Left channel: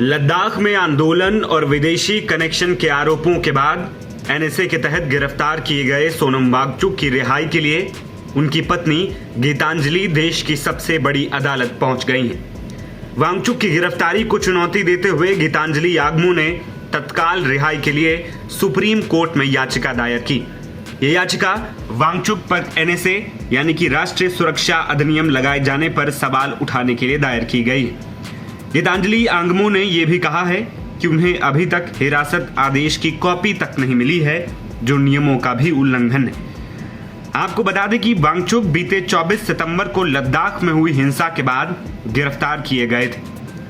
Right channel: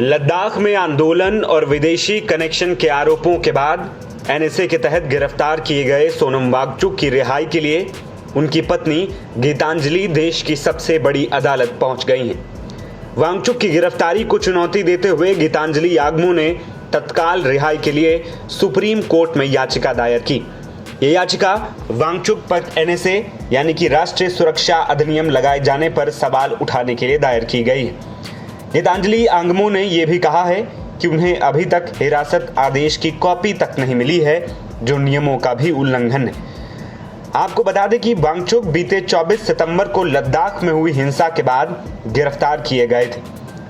लद्दाख में आंदोलन और विदेशी कनेक्शन के आरोपों के बाद एनएसए के तहत गिरफ्तार किए गए सोनम वांगचुक की रिहाई के लिए उनकी पत्नी गीतांजलि देश की सबसे बड़ी अदालत पहुंच गई हैं। वांगचुक की गिरफ्तारी को चुनौती देते हुए गीतांजलि याग्मो ने तत्काल रिहाई के लिए सुप्रीम कोर्ट में याचिका दायर की। ये याचिका वांगचुक पर एनएसए यानी कि राष्ट्रीय सुरक्षा अधिनियम लगाए जाने पर सवाल उठाने के लिए दायर की गई। गीतांजलि याग्मो ने यह भी कहा है कि उन्हें अभी तक हिरासत आदेश की कॉपी तक नहीं मिली है, जो नियमों का भी उल्लंघन है। आपको बता दें कि वांगचुक बीते 24 सितंबर को लद्दाख में हुई हिंसा के बाद गिरफ्तार किए गए थे।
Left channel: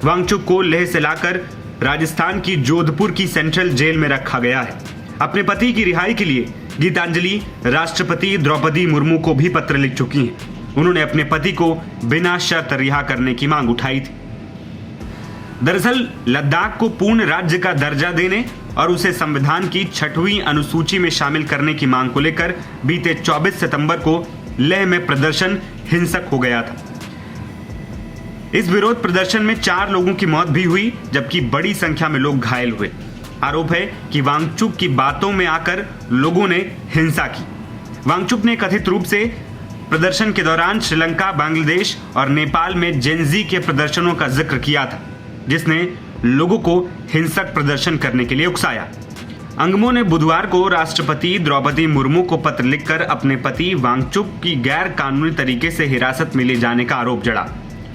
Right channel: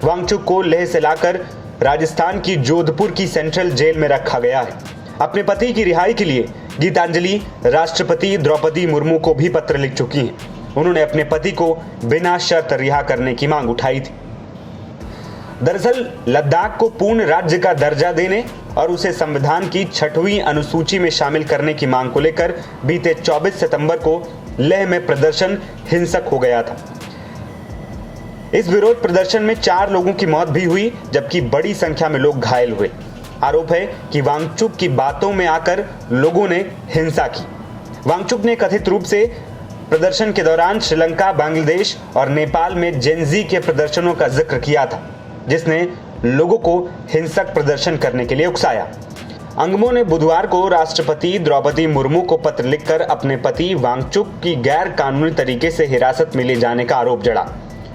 वांगचुक को लेह से लाकर राजस्थान की जोधपुर की सेंट्रल जेल में रखा गया है। अपने पति की रिहाई के लिए गीतांजलि राष्ट्रपति द्रौपदी मुर्मू को भी पत्र लिख चुकी हैं। उन्होंने अपने पति को बिना शर्त रिहा करने की मांग उठाई थी। दरअसल लद्दाख को पूर्ण राज्य का दर्जा देने और उसे संविधान की 6वीं अनुसूची में शामिल करने की मांग को लेकर बीते 24 सितंबर को लेह में प्रदर्शन हिंसक हो गया था। इस विरोध प्रदर्शन में 4 लोगों की मौत भी हुई, जबकि बड़ी संख्या में लोग घायल हुए। आरोप है कि वांगचुक की बातों में आकर लोगों ने हिंसा की। वांगचुक ने कथित रूप से प्रदर्शन के दौरान श्रीलंका, बांग्लादेश और नेपाल में जेनजी के प्रदर्शनों का जिक्र किया था, जिसने लोगों को हिंसक प्रदर्शन करने के लिए उकसाया। याग्मो ने बुधवार को राष्ट्रपति द्रौपदी मुर्मू को पत्र लिखकर अपने पति वांगचुक की गैर कानूनी तरीके से हिरासत में ले जाने का आरोप जड़ा।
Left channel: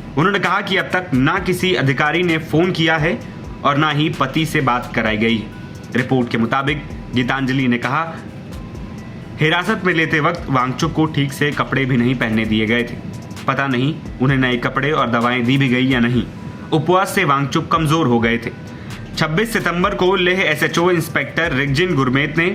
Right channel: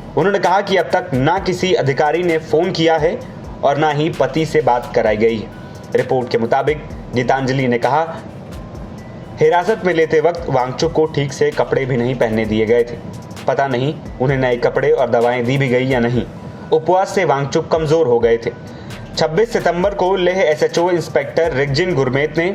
उन्होंने कहा कि अब तक ना किसी अधिकारी ने फोन किया है और ना ही पति से बात कराई गई है। रिपोर्ट के मुताबिक गीतांजलि ने कहा, हिरासत में लेते वक्त वांगचुक को ठीक से कपड़े भी नहीं पहनने दिए गए थे। पता नहीं उन्हें नए कपड़े और दवाएं दी भी गई या नहीं। उपवास से वांगचुक कमजोर हो गए थे। 26 सितंबर को लेह एसएचओ इंस्पेक्टर रिगजिन गुरमीत ने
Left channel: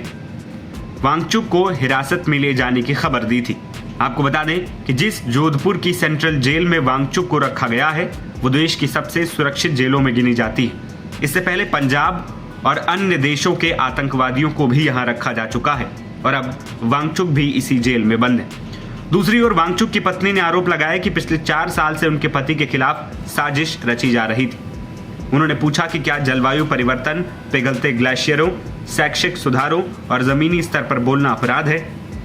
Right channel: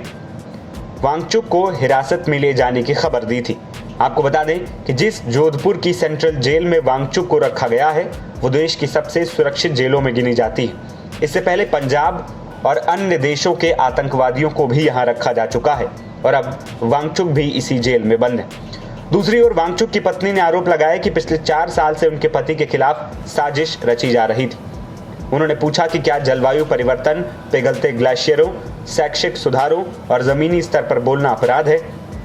वांगचुक को हिरासत में ले जाने की खबर दी थी। आपको बता दें कि जिस जोधपुर की सेंट्रल जेल में वांगचुक को रखा गया है, वो देश की सबसे सुरक्षित जेलों में गिनी जाती है। इससे पहले पंजाब और अन्य देशों के आतंकवादियों को भी यहाँ रखा जा चुका है और अब वांगचुक भी इसी जेल में बंद है। दूसरी ओर वांगचुक की पत्नी ने आरोप लगाया कि पिछले 4 साल से उनके पति के खिलाफ साजिश रची जा रही थी। उन्होंने पूछा कि क्या जलवायु परिवर्तन, पिघलते ग्लेशियरों, शैक्षिक सुधारों और जमीनी स्तर पर बोलना अपराध है।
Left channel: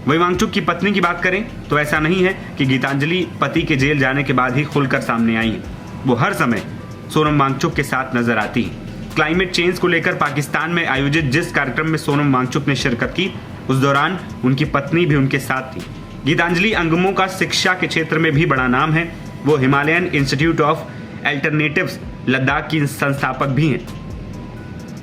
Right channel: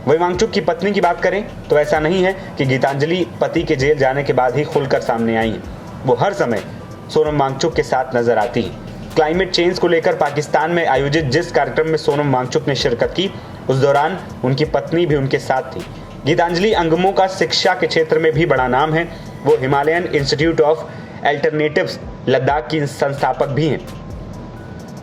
वहीं वांगचुक की पत्नी की बात करें तो ऐसा नहीं है कि गीतांजलि पति के जेल जाने के बाद ही खुलकर सामने आई हैं। वो हर समय सोनम वांगचुक के साथ नजर आती है। क्लाइमेट चेंज को लेकर पाकिस्तान में आयोजित जिस कार्यक्रम में सोनम वांगचुक ने शिरकत की, उस दौरान उनकी पत्नी भी उनके साथ थी। गीतांजलि याग्मो का शिक्षा के क्षेत्र में भी बड़ा नाम है। वो Himalayan institute of alternatives Ladakh की संस्थापक भी हैं,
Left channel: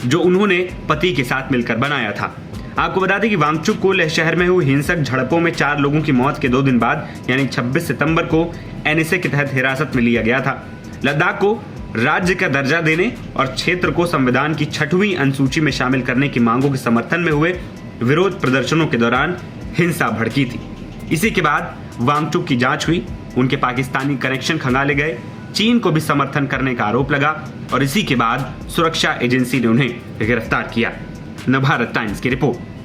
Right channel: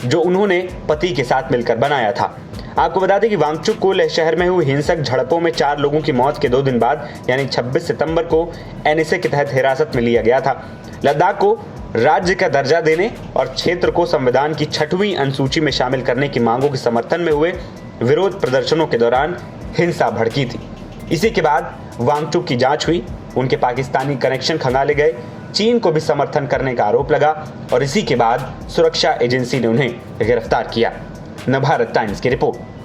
जो उन्होंने पति के साथ मिलकर बनाया था। आपको बता दें कि वांगचुक को लेह शहर में हुई हिंसक झड़पों में 4 लोगों की मौत के 2 दिन बाद यानी 26 सितंबर को एनएसए के तहत हिरासत में लिया गया था। लद्दाख को राज्य का दर्जा देने और क्षेत्र को संविधान की 6वीं अनुसूची में शामिल करने की मांगों के समर्थन में हुए विरोध प्रदर्शनों के दौरान हिंसा भड़की थी। इसी के बाद वांगचुक की जांच हुई, उनके पाकिस्तानी कनेक्शन खंगाले गए, चीन को भी समर्थन करने का आरोप लगा और इसी के बाद सुरक्षा एजेंसी ने उन्हें गिरफ्तार किया। नवभारत टाइम्स की रिपोर्ट।